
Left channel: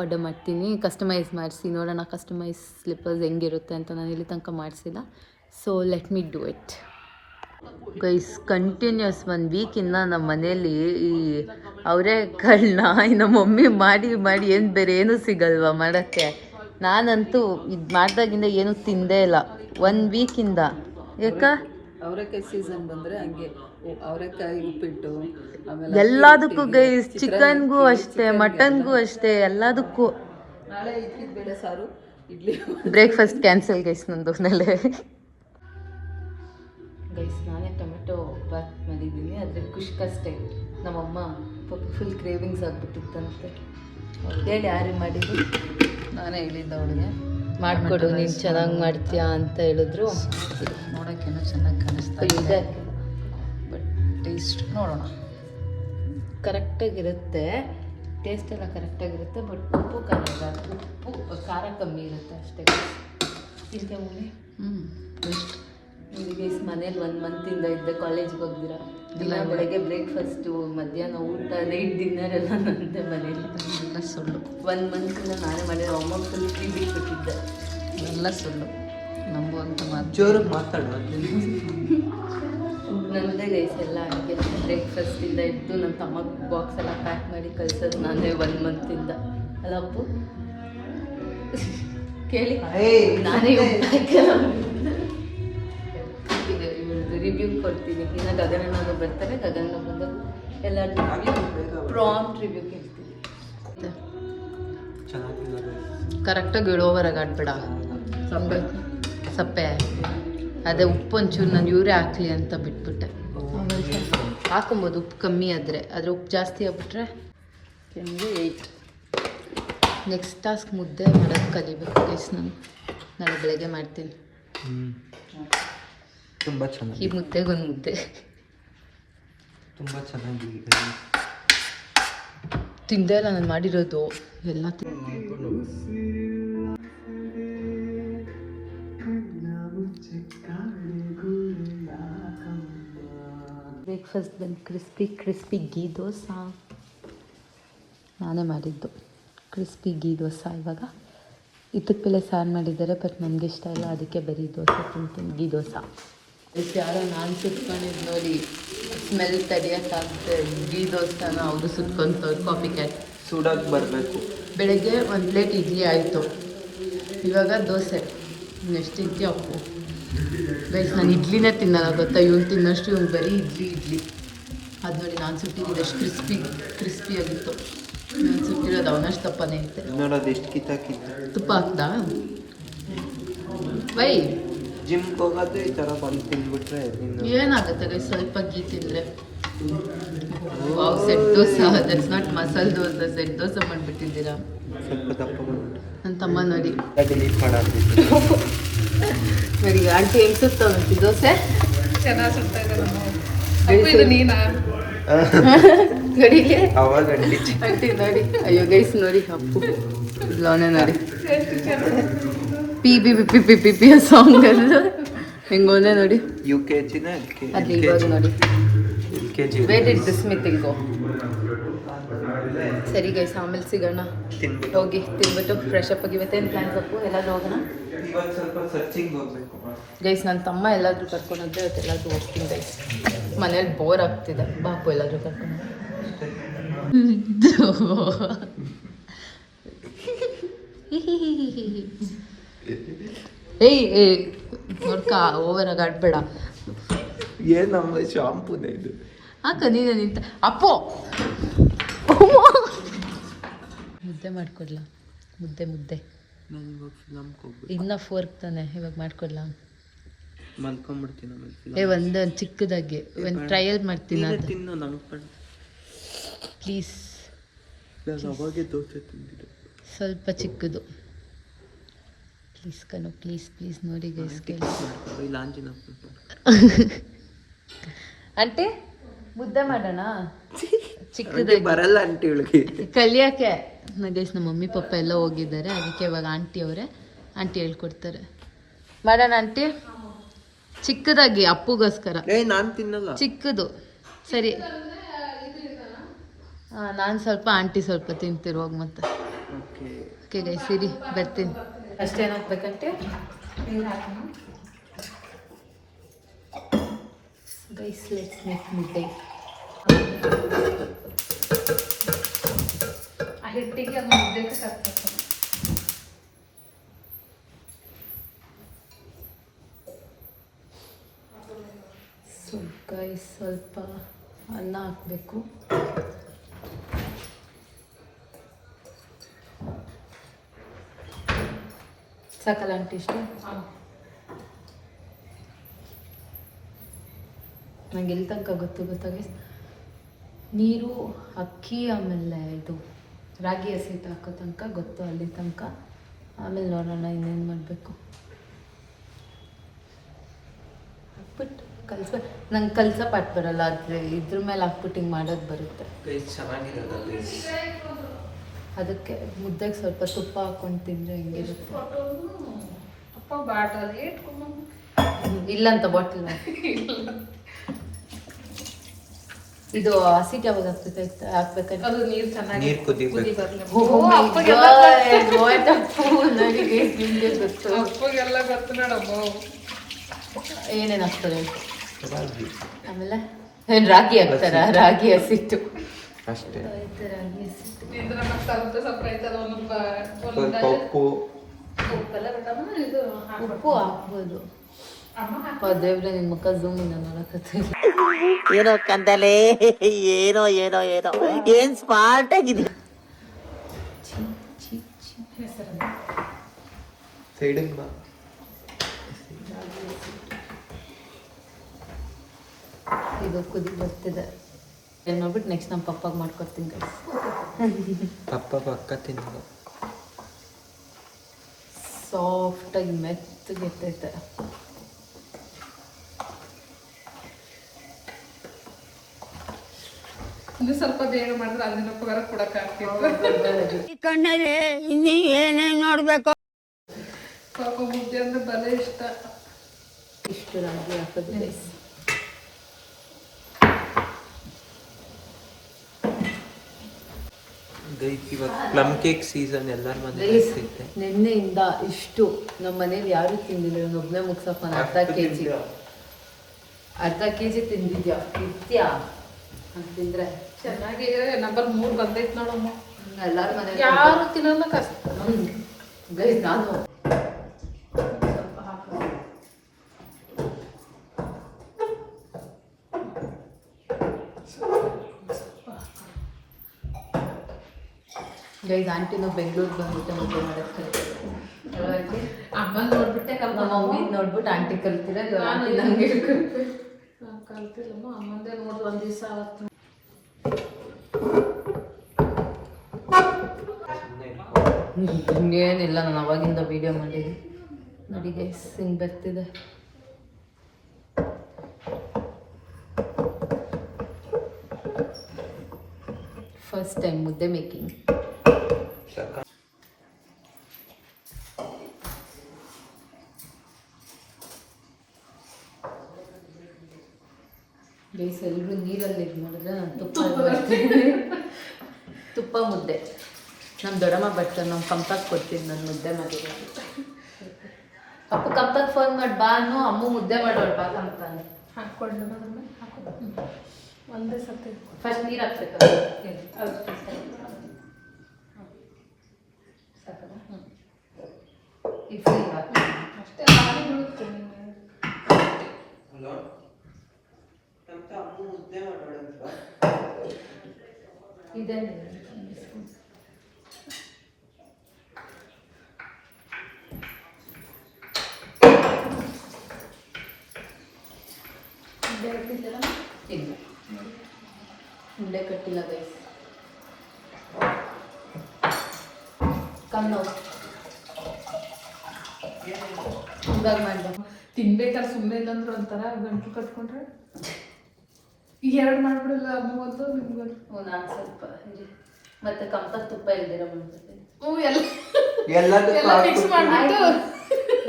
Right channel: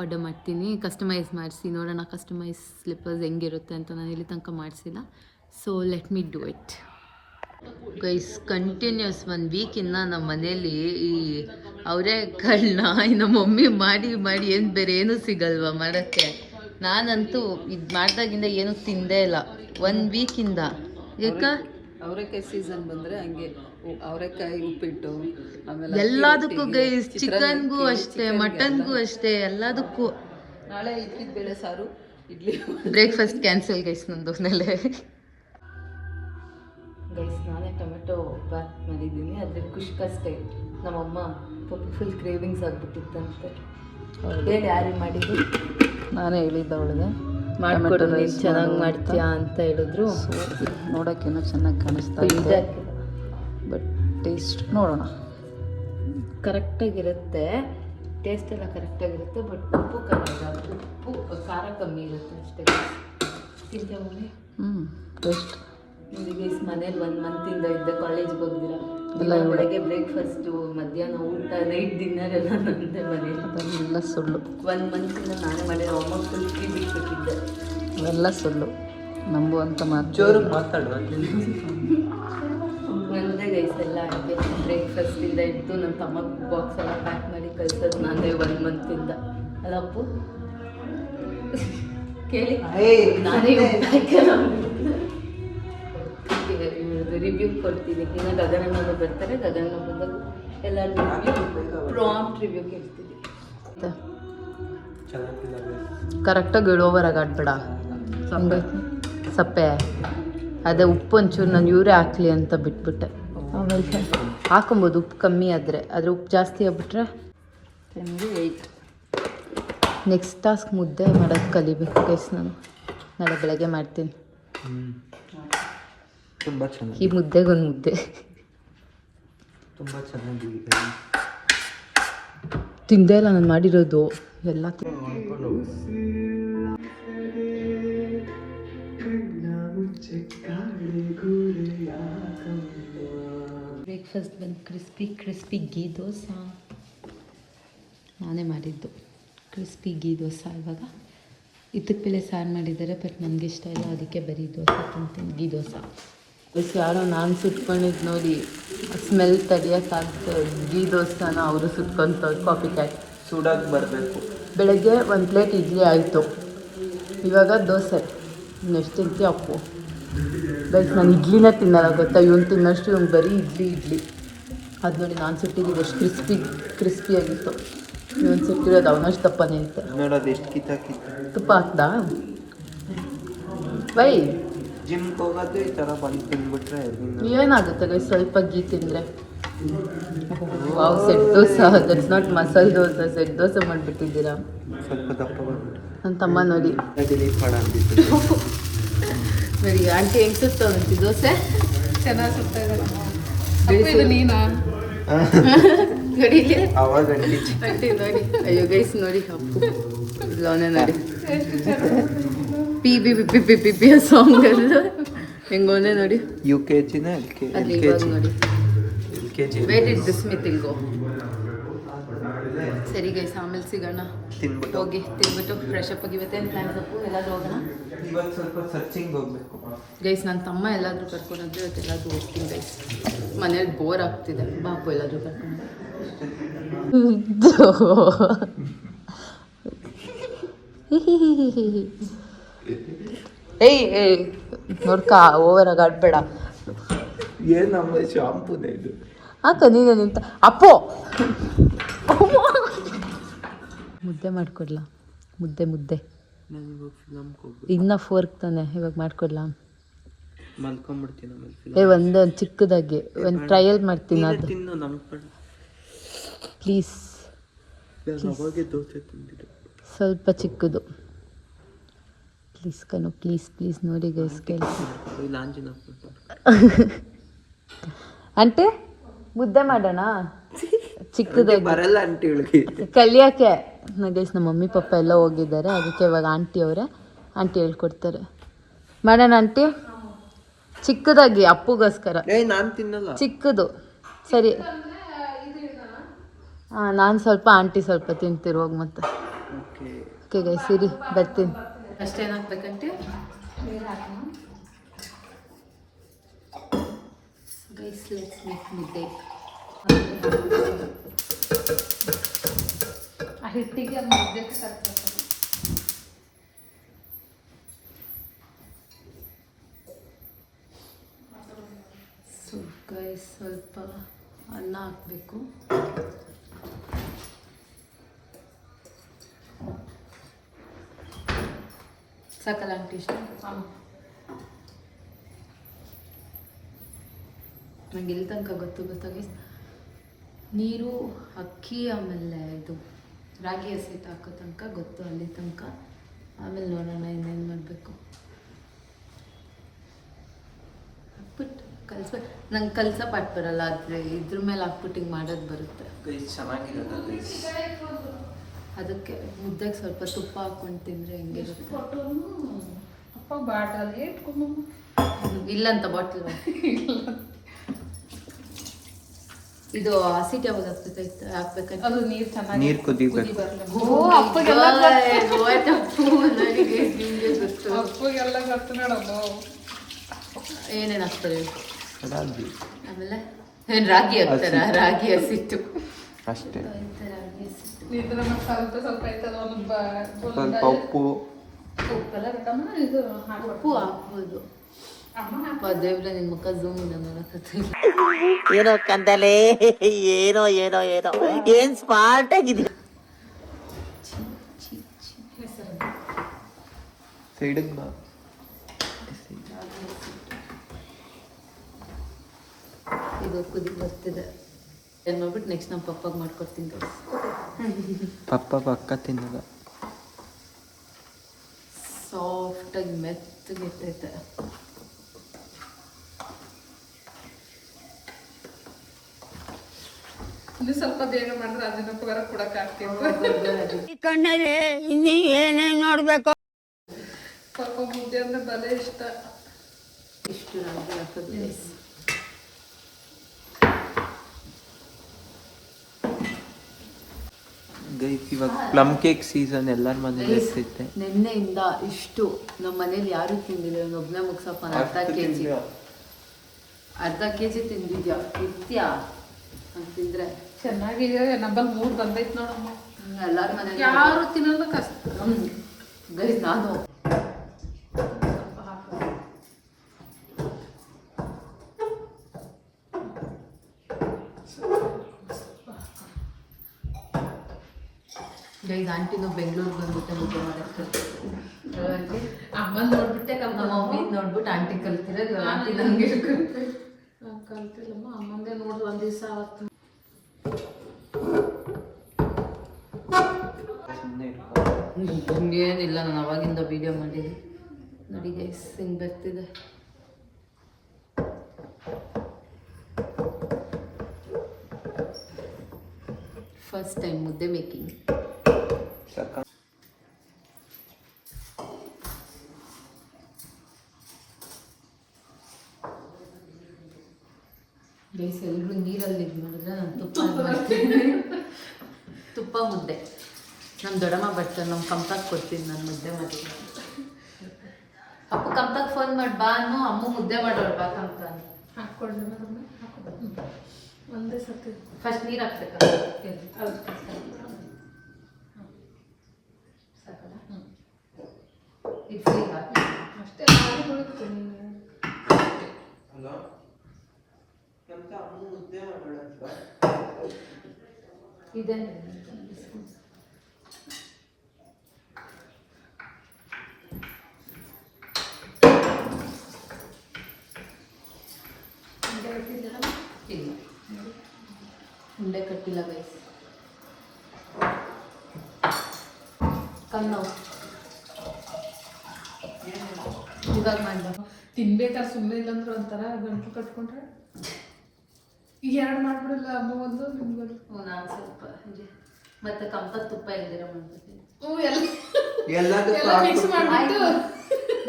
ಆರ್ಡರ್ ಮಾಡ್ತೀನಿ, ಕಸ್ಟಮೈಸ್ ಮಾಡಿಸಿ ನೋಡೋಣ. ಕಸ್ಟಮೈಸ್ ಸ್ಲಿಪ್ಪರ್ಸ್ ಹೆಂಗಿರುತ್ತೆ ಅಂತ ನಾನು ಇಲ್ಲಿ ತನಕ ಮಾಡಿಸಿಲ್ಲ. So let me do it guys. Continuous 1 ವೀಕಿಂದ ನಮ್ಮ ಮನೇಲಿ ಈ ಅವರೆಕಾಳನ್ನ ನಮ್ಮ ಮಮ್ಮಿ ಮಾಡಿ ಏನು ಬೇರೆ ಏನೂ ಸಿಗಲ್ವ ಮಾಡೋಕ್ಕೆ. ನಾನಂತೂ ಇದು ಮಾಡಿದಾಗಿಂದ ಏನೂ ತಿಂದೇ ಇಲ್ಲ 1 ವೀಕಿಂದ. ಯಾಕ ಅವರೆಕಾಯಿ ಸೀಸನ್ ಬಂದರೆ ಹಂಗೆ ಅವರೆಕಾಯಿ ಉಪ್ಪಿಟ್ಟು, ಆಮೇಲೆ ಎಲ್ಲದಕ್ಕೂ ಗೈಸ್, ಚಿಕನ್ಗೂ ಅಷ್ಟೇ, ಮಟನ್ಗೂ ಅಷ್ಟೇ, ಎಲ್ಲದಕ್ಕೂ. ನಾಳೆ ಇಡ್ಲಿ ಬೇಳೆ ಸಾರು, ಇಡ್ಲಿ ಬ್ರೇಕ್ಫಾಸ್ಟ್ ಕ್ಯಾನ್ಸಲ್ ಗೈಸ್ ನಂದು ನೆಲೆ. ಗೈಸ್ ನಾನೇ ಟೊಮೆಟೊ ಬಾತ್ ಮಾಡಿದ್ದೀನಿ, ಆದರೆ ಖುಷ್ಕಷ್ಟೇ. ನಮ್ಮಮ್ಮ ಫುಲ್ ಕ್ರೇವಿಂಗ್ಸ್ ಆಗಿಬಿಟ್ಟಿತ್ತಂತೆ. ಹೇಳಿ ಯಾರು ಮಾಡಿದ್ದು? ನಾನೇ ಹೇಳಿದ್ದ ಅವಳಿಗೆ ಮಾಡಿಕೊಡು, ನೀನು ಚೆನ್ನಾಗಿ ಮಾಡ್ತೀಯಾ ಅಂತ ಹೇಳಿದ್ರು. ನೋಡೋಕ್ಕೇನೋ ಚೆನ್ನಾಗಿ ಕಾಣಿಸ್ತಾ ಇದೆ, ಬಟ್ ಟೇಸ್ಟ್ ನೋಡೋಣ. ಕರೆಕ್ಟಾಗಿರುತ್ತೆ, ಟೇಸ್ಟ್ ಎಲ್ಲ ಕರೆಕ್ಟಾಗಿರುತ್ತೆ, ಬಟ್ ಉಪ್ಪು ಖಾರ ಕಮ್ಮಿ ಇರುತ್ತೆ ಅಷ್ಟೇ. ತಿಂತೆ ಮಮ್ಮಿ? ನನಗೆ ಮನೇಲಿ 1 ಮಂತಿಂದ ಇದ್ದೆ, ಕಾಲೇಜ್ಗೆ ಹೋಗ್ದಿರ. ಬೆಳಗ್ಗೆ ಬ್ರೇಕ್ಫಾಸ್ಟು, ಮಧ್ಯಾಹ್ನ ಊಟ, ನೈಟ್ ಡಿನ್ನರ್ ಎಲ್ಲ ನಂದೇ ಮನೇಲಿ. ಎಲ್ಲ ಸುಳ್ಳು. 1 ಮಂತಿಂದ ನಾನೇ ಮಾಡಿರೋ. ಅಮ್ಮ ಫುಲ್ ಫ್ರೀ ಬಿಟ್ಬಿಟ್ಟಿದ್ದೆ. ಎಲ್ಲ ಸುಳ್ಳು, ನಂಬುವಂತ ಮಾತು. ಜೋರು ಮಾತಾಡುವ. ನಂದೇ ಗೈಸ್ ಎಲ್ಲ ಅಡುಗೆ. ಬ್ರೇಕ್ಫಾಸ್ಟಿಂದ ಇದ್ದು ನನ್ನ ತಮ್ಮ ಬಾಕ್ಸ್ ಎಲ್ಲ ಪ್ಯಾಕ್ ಮಾಡಿ ಕಳ್ಸೋದು ನಾನೇ 1 ಮಂತಿಂದ. ಅಲ್ಲ ಅಪ್ಪು ಕೇಳಿ, ನಾನೇ ರಿವ್ಯೂ ಕೊಡ್ತೀನಿ. ಇನ್ನು ಗಗನನವರು ಬರ್ತಾರೆ, ಗಗನ ಬಂದಾಗ ಎಲ್ಲರೂ ಪ್ರಾಂಪ್ಟ್ ರಿವ್ಯೂ ಕೇಳ್ತೀನಿ. ಕರೆಕ್ಟಾಗಿ ಇಳೋವರೆಗೆ ಆಡ್ಬೇಡ ಸಪ್ಪೆ. ಅದೇ ಉಪ್ಪು ಒಂಚೂರು ನಾನು ಇವರೇ ಹಾಕ್ಲಿ ಅಂತ ಬಿಟ್ಬಿಟ್ಟೆ. ಹಾಕೊಬೋದು ಉಪ್ಪು ಕಮ್ಮಿ ಆದರೆ ಉಪ್ಪು ಜಾಸ್ತಿ ಆಗ್ಬಿಟ್ರೆ 8. ನೆಕ್ಸ್ಟ್ ಟಾಸ್ಕ್ ಮುದ್ದೆ ಮಾಡೋದು ಕಲಿಬೇಕು ಗೈಸ್. ನಾನು ನಾಳೆ ಬೆಳಗ್ಗೆ ಮಾಡ್ತೀನಿ. ತುಂಬ ಚೆನ್ನಾಗಿ, ಈ ಮುದ್ದೆಗೊಂದು ಮುದ್ದೆ ತುಂಬ ಚೆನ್ನಾಗಿದೆ. ತಿಂದೇ ಇಲ್ಲ ನಾನು ಮಾಡಿರೋದು ಎಲ್ಲ. ಬ್ರೇಕ್ಫಾಸ್ಟ್ ಬಂದು ಕ್ರಿಸ್ಪಿ ಗೀ ದೋಸೆ ನಾನೇ ಮಾಡಿದ್ದು. ಕ್ರಿಸ್ಪಿ ಗೀ ದೋಸೆ. ಇವಾಗ ಇತ್ತಕ್ಕೆ ಬೆಲೆ ಸಾರು ಮಾಡಿದ್ದಾರೆ, ಬಟ್ ನನಗೆ ಇಷ್ಟ ಇಲ್ಲ, ಅದಕ್ಕೆ ಬರೀ ದೋಸೆ ತಿಂತೀನಿ, ಗೀ ದೋಸೆ. ಯಾರೋ ನಾನು ಸುಟ್ಕೊಂಡಿದ್ದು ನೋಡಿ ಸ್ಮೆಲ್ ತಡೆಯೋಕ್ಕಾಗದೆ ಗೀ ದೋಸೆನ ಅವರು ಸುಟ್ಕೊತಾರೆ. ಕಾಫಿ ಕ್ಯಾಟ್ ಸುಡಕ್ಕೆ ಬರಬೇಕು. ಬೆಳಗ್ಗೆ 1 ಪ್ಲೇಟ್ ಇಡ್ಲಿ ಆಯಿತು, ಇವಾಗ ದೋಸೆ. ಇನ್ನೆಷ್ಟು ತಿಂತೀಯ ಅಪ್ಪು? ಗೈಸ್ ನಾನು ಇಡ್ಲಿನೇ ತಿನ್ನಲ್ಲ ಗೊತ್ತಾ. ಇವ್ನು ತಿನ್ನೋಷ್ಟು ಇವ್ನು ಬರೀ ಇಡ್ಲಿ. ಅದು ನೋಡಿ ನಾನು ಸುಟ್ಟಿದ್ದು ಎಷ್ಟು ಕ್ರಿಸ್ಪಿಯಾಗಿತ್ತು. ಇವನು ಸುಟ್ಟಿರೋದು ಅವನಷ್ಟು ದಪ್ಪ ನಿಂತೆ. ನೋಡೋದು ಎಷ್ಟು ಕಿತ್ತ ತುಪ್ಪ ಹಾಕ್ದಾ? ಬೈ ಜಿಮ್ಗೆ ಹೋಗೋದು ಈ ಥರ ಬಂದು ತಿಂದ್ಬಿಟ್ರೆ ಏನಾಗುತ್ತೆ ಗೈಸ್ ಸ್ವಲ್ಪ ಗೀ ತಿಂದರೆ? Wow, set dosa. That's not masala dosa, set dosa ಮಾಡಿಬಿಟ್ಟಿದ್ದೀರಾ. ಸ್ವಲ್ಪ ದಪ್ಪ ಬಂದ್ಬಿಟ್ಟು ನನ್ನ ತಮ್ಮ ನೋಡಿ ಡಿಲೀಟ್ ಮಾಡೋದು. ನೋಡಿ ಆಂಟಿ ಹೆಂಗೆ ಸುತ್ತವಂತಿ ದೋಸೆ ಚೆನ್ನಾಗಿ ಸುಡ್ತಾ ಇದ್ದಾರೆ. ನೀನಾ ಗಡಿಗೆ ಅವಾಗ ಆಂಟಿ ನೋಡಿ. ಅಯ್ಯೋ ಗೈಸ್ ನೋಡಿ ಅಪ್ಪು ಲೋನೆ ನೋಡಿ ಪಿ ಸಾಂಗ್ ಎಲ್ಲ ಹೆಂಗೋನೆ ನೋಡಿ. UKG ಅದು ಇವಾಗ ನೋಡಿ LKG. ವೇರ್ ಇಟ್ ದಿಸ್ ಮಿ ತಿಲ್ಗೋ. ಸರಿ ಗೈಸ್, ಆಮೇಲೆ ಸಿಗೋಣ. ತಿನ್ಬಿಟ್ಟು ಹೋಗಿ ತಿನ್ಬಿಟ್ಟು ಫ್ರೆಶ್ ಅಪ್ ಆಗಿ ಇವತ್ತೇನು ಪ್ಲ್ಯಾನ್ಸ್ ಅಪ್ಪು? ಎಲ್ಲಾದರೂ ಹೋಗೋಣ ಇವಾಗ ಸ್ವಲ್ಪ ಸರ್ಚಿಂಗ್ ಹೋಗ್ಬೇಕು ಗೈಸ್. ನನ್ನ ತಮ್ಮ ಎಲ್ಲಾದರೂ ಕರ್ಕೊಂಡೋದ್ರೆ ಇವತ್ತು ಎಲ್ಲಾದರೂ ಹೋಗ್ತೀನಿ ಗೈಸ್. ಮನೇಲಿ ಬೋರ್ ಆಗ್ತಿದೆ, ಬಾಪು ಎಲ್ಲಾದರೂ ಕರ್ಕೊಂಡು. ಏಯ್ ನೋಡ್ಕ ಓವರಾಗಿ ಆಡ್ಬೇಡ. ಏನಮ್ಮ ಶಾಂಪೂನೇ ಇದು. ಹಾಕ ನೀನೆ ನಿಂತ ಅಪ್ಪೋ. ಮುದ್ದೆ ಮಾಡ್ಕೊಡ್ಲಾ? ಮುದ್ದೆ ನನಗೆ ಫಿಲಮ್ಗೆ ಹೋಗ್ಬೇಕು. ಇನ್ನ ಫೋರ್ಕ್ ತಾನೆ, ಇವಾಗ ಮಾಡ್ಕೊಡ್ಲಾ? ಮಲ್ಕೊಂಡ್ಬಿಡ್ತೀನಿ ಆಮೇಲೆ. ಒಂದು ಚಿಕ್ಕದಾಗಿ ಒಂದು ಟ್ರಯಲ್ ಮಾಡ್ತೀನಿ. ಅದು ತಿನ್ನು ನಮ್ಮ ಕಡೆ ಪ್ಲೀಸ್. ಅವಾಗೆ ದೋಸೆ ತಿಂದಿದ್ದು. ಸ್ವಲ್ಪ ಚಿಕ್ಕದು ಪ್ಲೀಸ್ ಕಣು, ಪ್ಲೀಸ್ ಪ್ಲೀಸ್. ನೋಡಿ ಗೈಸ್ ಇಲ್ಲ ಆಂಜಿನ ಆಂಟಿ ಮುದ್ದೆ ಮಾಡೋಣ ಚಿಕ್ಕದಾಗಿ. ಬರಲ್ಲ ಆಂಟಿ ಇವಳಿಗೆ ಕಲಿಯೋಕ್ಕೆ. ಗೈಸ್ ನಮ್ಮ ಮಮ್ಮಿ ಪಪ್ಪ ಎಲ್ಲ ಹೋಗಿದ್ದಾರೆ, ಅದಕ್ಕೆ ಇವಾಗ ಆಂಟಿ ಅವರೇ ಆಂಟಿ ಹೇಳ್ಕೊಡ್ತಾರೆ. ಮಾಡೋಣ ಆಂಟಿ ಚಿಕ್ಕದಾಗಿ ಅಪ್ಪುಗೋಸ್ಕರ. ನಾನು ತಿನ್ನಲ್ಲ ಚಿಕ್ಕದು ಸರಿ. ಹಾಂ ನಾನು ಸ್ವಲ್ಪ ಆಂಟಿ ಸ್ವಲ್ಪ ತಿಂತೀರಿ ಹೋಗಿ ಮತ್ತೆ. ಓಕೆ ಗೈಸ್ ಸರಿ ಬರ್ತೀನಿ. ಅಷ್ಟೇನು ಹಾಕ್ಬೇಕಂತೆ ಗೈಸ್. ಲೆಟ್ಸ್ ಮೇಕ್ ಮುದ್ದೆ. ಹಿಟ್ಟಿಗೆ ಮುದ್ದೆ ಸೊ ಗೈಸ್ ಸ್ವಲ್ಪ ಅನ್ನ ಹಾಕಬೇಕು. ಸಾಕಲ್ಲ ಆಂಟಿ ಇಷ್ಟು? ನಂಗೆ ಎಲ್ಲಿ ತನಕ ಗೊತ್ತಾಗಿ ನೀರು ಅಕ್ಕಿ ಆಮೇಲೆ ಇದು ರಾಗಿ ಹಸಿಟ್ಟು ಹಾಕೋ ತನಕ ಗೊತ್ತು, ಅಲ್ಲಿ ತನಕ. ಆಮೇಲೆ ನೋಡೋಣ ಇನ್ನೇನು ಮಾಡಬೇಕು. ಹಾಕ್ಬಿಟ್ಟು ಕಲ್ಸ್ಬೇಕು. ನಂಗೆ ಕಲ್ಸೋ ಪಾಠ ಬರಲ್ಲ, ಆದರೆ ಇದ್ರ ಮೇಲೆ ಹಾಕ್ಬಿಟ್ಟು ಹಿಂಗೆ ಮಾಡೋದು ಬರುತ್ತೆ. ಅದಕ್ಕೆ ಮುದ್ದೆಗೆ ಸ್ವಲ್ಪ ತುಪ್ಪ ಹಾಕೊಂಡು ತಿಂದರೆ ಹೆಂಗಿರುತ್ತೆ. ಇಲ್ಲಂತ ಬಾಟಲ್ ಇದು ಹಸಿಟ್ಟು ಯಾವಾಗ ಹಾಕ್ಬೇಕಂತ ನೀರು ಚೆನ್ನಾಗಿ ನೀರು ಕುದಿಬೇಕು. ನನಗೆ ನಿಮಗೆ ಗೊತ್ತು ಏನೇನು ಹಾಕ್ತಾರೆ. ಆಮೇಲೆ ಏನು ರಾಗಿ ಹಾಕ್ತಾರ? ರಾಗಿ ಹಸಿಟ್ಟು ಅಷ್ಟೇ. ರಾಗಿ ಹಸಿಟ್ಟು ಸ್ವಲ್ಪ ಉಪ್ಪು ಹಾಕ್ಬೋದು. ದೇವ್ರೆ ನಿನ್ನ ಮುಖ ಝೂಮ್ ಇಂದ ನೋಡಕತ್ತಿಲ್ಲ. ಏನೋ ಕಂದಲೆ, ಏನೋ ಏನೋ ಏನೋ ಏನ್ ಸ್ಮಾರ್ಟ್ ಆಗಿದೆ. ಸೈಡಿಗೆ ಬಾ. ಇದು ಕುದಿ ಬರ್ತಿದೆ. ಏನು ಮಾಡ್ಬಿಟ್ಟು ನೆಕ್ಸ್ಟ್ ನಮ್ಮ ಪಪ್ಪಾಗೆ ಮಾಡ್ಕೊಡ್ತೀನಿ ಗೈಸ್. ಪಕ್ಕ ತಿನ್ನೋದು. ಸಾಫ್ಟಾಗಿ ಮೆತ್ತಗೆ ಇರ್ತೈತೆ. ಇನ್ನು ಸ್ವಲ್ಪ ಬೇಗ ಮಾಡಿದ್ರೆ ಅಂಜನಪ್ಪಗಾರ ಕೊಡಕ್ಕಾಗ್ತಿತ್ತು. ಕಣ್ಣಲ್ಲಿ ಇನ್ನೀ ಏನೇನ್ ನೋಡ್ಬೇಕು. ಪಾಪ ಮುದ್ದೆ ಅಂದ್ರೆ ಬಲೆ ಇಷ್ಟ. ಇಷ್ಟು ರಾಗಿ ಹಾಕೋದು ಗೈಸ್. ಇವಾಗ ಪ್ಲಮ್ ಕೇಕ್ ಸೀಸನ್ ಎಲ್ಲ ಬಂದಿರುತ್ತೆ. ನಿನ್ನೆಯಿಂದ ಇಷ್ಟು ನಮ್ಮ ಮನೇಲಿ ಯಾರು ತಿಂದಿಲ್ಲ. ಇವನೊಬ್ಬನೇ ಮುಗ್ಸಪ್ಪ. ಅರ್ಧ ಕೆ ಜಿ ತಿಂದಿದ್ಯಾ ಇತ್ಯಾ ಅಂತಂದ್ರೆ ಚೆನ್ನಾಗಿ ನಂಬಲ್ಲಿ 3 ಬಂದೈತೆ ನೋಡಮ್ಮ. ಎಲ್ಲಾರ ಮನೇಲಿ ಯಾರು ತಿನ್ನೋದ ಕಷ್ಟ ಗೈಸ್. ನಾನು ಗೈಸ್ ಆಂಟಿನೂ ಬೆಂಗಳೂರಿಗೆ ಬಂದ್ಬಿಟ್ಟು ಮುದ್ದೆ ಮಾಡೋದು ಕಲಿತಾರೆ. ಅಮ್ಮನ ನೋಡ್ಬಿಟ್ಟೆ ನಮ್ಮ ಮಮ್ಮಿ ನೋಡ್ಬಿಟ್ಟು ಆಂಟಿ ಕಲ್ತಿರೋದು. ಆಂಟಿ ನಂಗೆ ಕಲ್ತಿಲ್ಲಮ್ಮ, ಅಮ್ಮಂದೇ ನೋಡ್ರಿ ಒಂದು ದಿವಸ ಅವತ್ತು. ಏನಿಲ್ಲ, ನಾನು ಅವಾಗಿಂದ ವಿಡಿಯೋ ಮಾಡಿದ್ದೀನಿ ನೋಡಿ ಗೈಸ್. ಹಿಂಗೆ ಬರ್ತಿದೆ. ಫಸ್ಟ್ ಟೈಮ್ ಮುದ್ದೆ ಮೇಕಿಂಗ್. ಗೈಸ್ ಎಲ್ಲರೂ ನೀರಲ್ಲಿ ಇದು ಮಾಡಿದ್ರೆ ನಾನು ತುಪ್ಪ ಬರ್ತೀನಿ. ತುಪ್ಪ ಮುದ್ದೆ ನಮ್ಮ ದೊಡ್ಡಮ್ಮ ಬರ್ತಾರೆ. ನಮ್ಮ ಕಂಪಕ್ಕೆ ಕೊಡ್ತೀನಿ ನಾನು ಮುದ್ದೆ ಮಾಡಿದ್ರೆ. ಅಪ್ಪು ಕಂಪಕ್ಕೆ ಫೋನ್ ಮಾಡಿ ಬಾ ಅನ್ನು, ಅಮ್ಮ ಮುದ್ದೆ ಮಾಡೋಳು ಬಾ ಕಂಪ್ತಾನೆ. ಹಾಕ್ಕೊಳ್ಳಿ ಒಂದೇ ಸತಿ ಫಸ್ಟ್ ನೀರು ಹಾಕ್ಬೇಕು. ಅಷ್ಟೇ ಇದೆ ಇಲ್ಲ ಉಂಡೆ ಕಟ್ಟಿಲ್ಲ ಗೈಸ್ ಕಣ್ಣು ಇವಾಗ ಮಾಡ್ದೆ ತಿನ್ಬೇಕಾದ್ರೆ ಸುಮ್ಮನೆ ಇಲ್ಲಂದ್ರೆ ಒಂಥರ ಗಂಟು ಕಟ್ಕೊಂಡ್ರೆ ಈಗ 2 ಮಾಡ್ಬಿಡಲ್ಲ ಅಮ್ಮಗೊಂದು ನಿಮ್ಗೊಂದು. ನಾನು ಸ್ವಲ್ಪ ಮತ್ತೆ ಕಮ್ತ ತುಪ್ಪ ಇಲ್ದಿರ ಮಾಡ್ತೀನಿ ಎಲ್ಲದಕ್ಕೂ ಮಿಕ್ಸ್ ಮಾಡ್ಬಿಟ್ಟು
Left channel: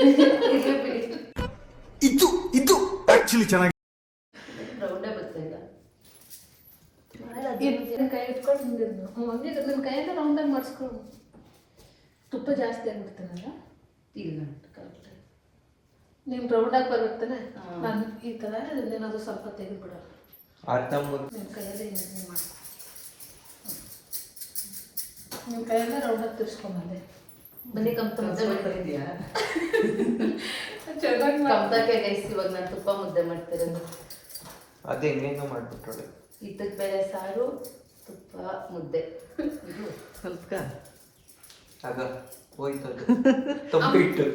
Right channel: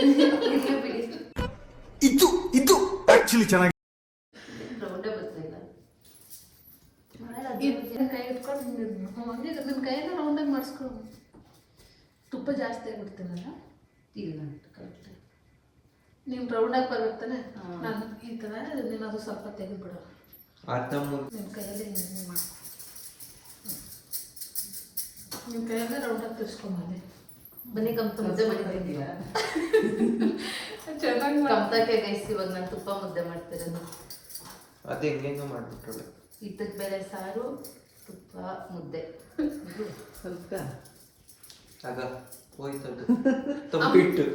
ಇರ್ಲಿ ಬಿಡಿ ಇದು ಆಕ್ಚುಲಿ ಚೆನ್ನಾಗಿ ರೌಂಡೇ ಬರ್ತಿಲ್ಲ ಕೈ ಇಟ್ಕೊಂಡು ಒಂದೇ ನನ್ನ ಕೈಯೆಲ್ಲ ರೌಂಡಾಗಿ ಮಾಡಿಸ್ಕೊ ತುಪ್ಪ ಜಾಸ್ತಿ ಆಗ್ಬಿಡ್ತೀನಲ್ಲ ಇಲ್ಲ ಕರೆಕ್ಟ್ ನೀವು ರೌಂಡಾಗಿ ಬರ್ಬೇಕಾನೆ ನಾನು ಈ ಥರ ಏನಾದರೂ ಸ್ವಲ್ಪ ತೆಗೆದುಬಿಡೋಣ ಅರ್ಧ ಮುದ್ದೆ ನಿಮ್ಮ ಕೈಯಲ್ಲಿ ಹಿಂಗೆ ಮಾಡ್ಕೊ ನಿಮ್ಮ ಕೈಯಲ್ಲೇ ರೌಂಡಾಗಿ ತಿರ್ಸ್ಕೊಂಬಂದೆ ಬನ್ನಿ ಕಮ್ತ ಮುದ್ದೆ ಮಾಡ್ತಿದ್ದೀರಾ ಚೆನ್ನಾಗಿ ಕಮ್ತಕ್ಕೆ ಗೈಸ್ ಇವಾಗ ನಾನು ತುಪ್ಪ ಮುದ್ದೆ ಮಾಡ್ತಿರೋದು ಅದೇ ಹೆಂಗ ಮಾಡ್ಬಿಟ್ರೆ ಇದ್ದಕ್ಕೆ ಬೇಳೆ ಸಾರು ತುಪ್ಪ ಮುದ್ದೆ ಇದು ಆಗ ಹೋಯ್ತದು ತಂಬಿಟ್ಟು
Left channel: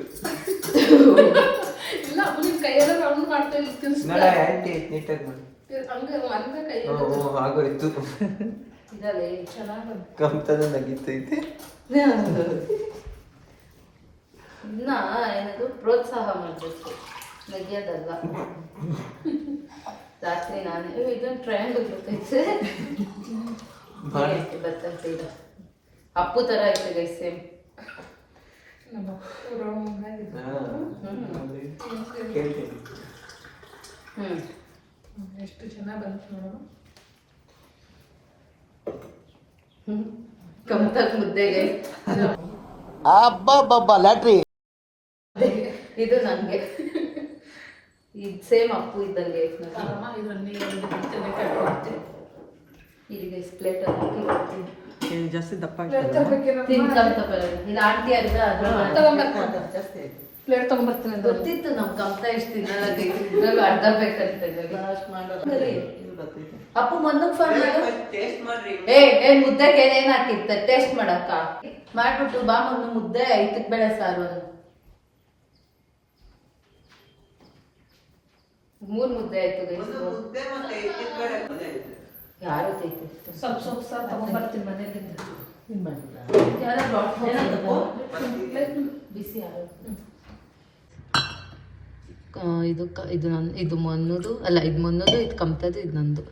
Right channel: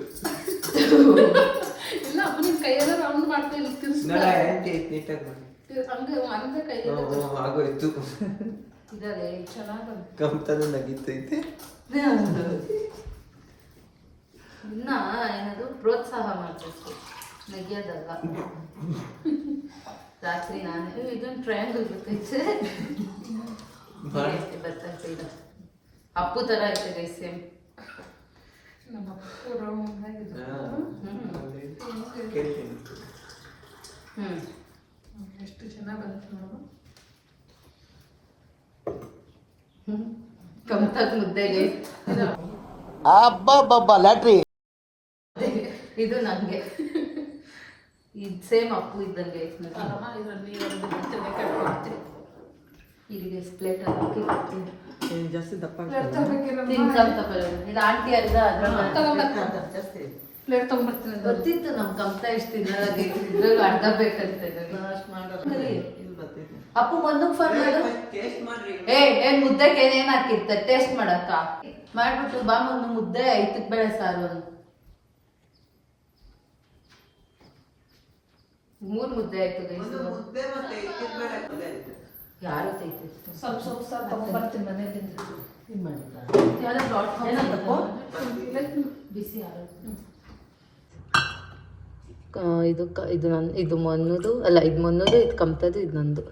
ಇಲ್ಲ ನಿಮ್ಮ ಕೈಯೆಲ್ಲ ರೌಂಡ್ ಮಾಡ್ತಾ ಇಲ್ಲ ತಿರ್ಸ್ಕೊ ನಾಳೆ ಆಂಟಿ ನೀಟಾಗಿ ಮಾಡಿ ಹಂಗೆ ಒಂದೇ ಕೈಯಲ್ಲಿ ಆಗೋಯ್ತು ಇದಲ್ಲೇ ಚೆನ್ನಾಗಿ ಬಂತು ಕಮ್ತದ ನಗೀತೈತೆ ಇನ್ನ ಏನದು ಪ್ರೋತ್ಸಾಹ ಮಾಡಬೇಕು ನಗಿಯೋದಲ್ಲ ರಾತ್ರಿ ನಾನು ಇದೊಂದು ಟ್ರಯಾಂಗಲ್ ಬರ್ತೈತೆ ಬರ್ತೈತೆ ಇದು ಅಪ್ಪು ಥರ ಐತೆ ಗೈ ಸೇಮ್ ನಮ್ಮ ರೌಂಡ್ ಆಗಿದೆ ಕೇಳ್ತೀನಿ ಎಷ್ಟು ಚೆನ್ನಾಗಿ ಬಂತು ನೋಡು ಕಮ್ತಾಗ ಮುದ್ದೆಗೆ ಅಬ್ಬಬ್ಬಬ್ಬ ಲ್ಯಾಟ್ರಿ ಇದು ನನಗೆ ಇದು ಸೇಮ್ ಅಪ್ಪು ಇದ್ದಂಗೆ ಐತೆ ನೋಡಿ ಅಮ್ಮ ಇದನ್ನು ನೀರು ಕಟ್ಕೊಡ್ತೀನಿ ಇಲ್ಲಿಗೆ ಪ್ಲೇಟ್ ಹಾಕಿ ಕೊಡ್ತೀನಿ ಜಾಸ್ತಿ ದಪ್ಪ ತಿನ್ಕೊಂಡು ತಗೊಳ್ಳಿ ಇದು ಆಂಟಿ ಅರ್ಧ ಪ್ಲೇಟ್ ತೊಗೊಂಬರ್ತೀನಿ ಗೊತ್ತಿತ್ತು ನಮ್ ಕಮ್ತ ಇಷ್ಟು ತಿನ್ನಲ್ಲ ಇದ್ರಲ್ಲಿ ಅರ್ಧ ಬೇಕಂತ ಅಪ್ಪು ಮೊನ್ನಕ್ ಫೋನ್ ಮಾಡು ಏ ಮುದ್ದೆ ಕೈಲಿ ಏನ್ ಹಾಕಿರ್ತಾರೆ ಟೇಸ್ಟ್ ಮಾಡಕ್ಕ ಮಾಡ್ಬಿಟ್ಟು ಬಾ ಮೊನ್ನೆ ಮುದ್ದೆ ಐತಕ್ ಬೇಳೆ ಸಾರು ಅನ್ನು 3 ಮುದ್ದೆ ಆಯ್ತು ಗೈಸ್ ಯಾರು ತೈತೆ ಸ್ವಲ್ಪ ತೊಗೊಂಬರ್ತೀನಿ ಮನೆಯಲ್ಲಿಂದ ಬಿಸಿ ಇದು ಇದು ಮೊನ್ನದು ಅಲ್ಲ ಇದು ಮೊನ್ನದು ಇದು ಕಮ್ತದು ಇದು ನಂದು